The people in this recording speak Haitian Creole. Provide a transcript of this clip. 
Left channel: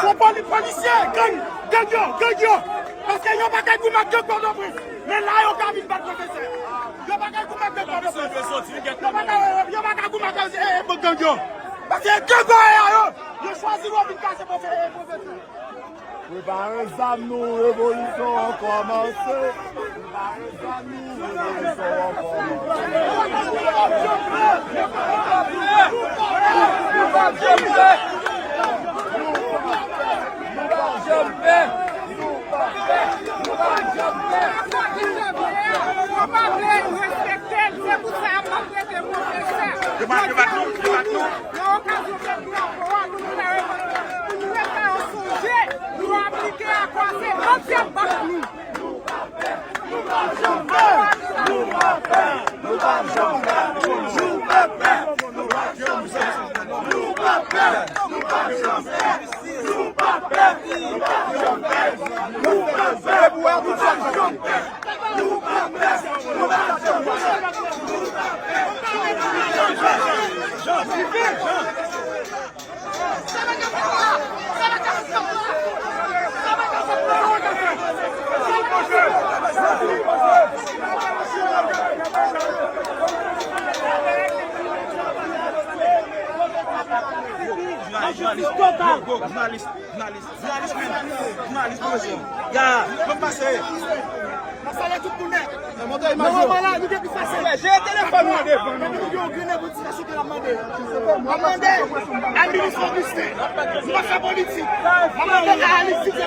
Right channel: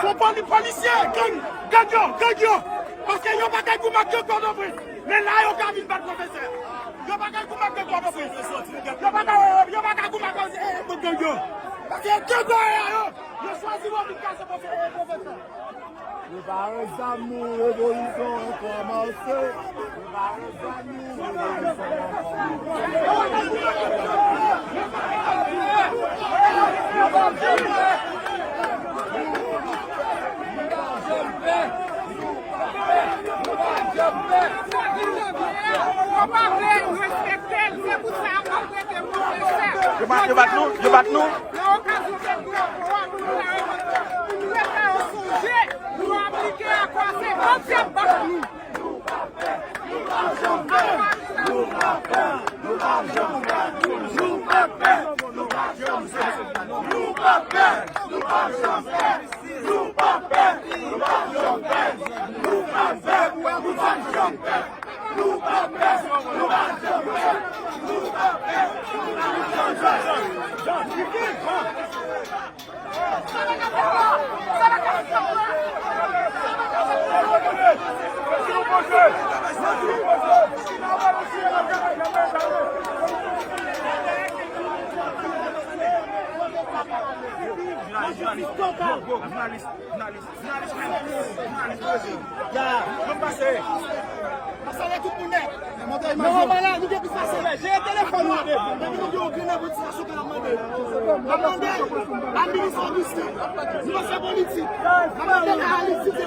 Faut pas les policiers, gang, parce qu'ils n'ont pas qu'à vous mettre de cordon pris. Mais là, ils ont qu'à venir battre professeur. Ils n'ont pas qu'à vous mettre de cordon pris. Ils n'ont pas qu'à vous mettre de gang. Parce que gang, ils choisissent de casser professeur. Préparez ça, nous, révolution a commencé. Préparez ça, nous, révolution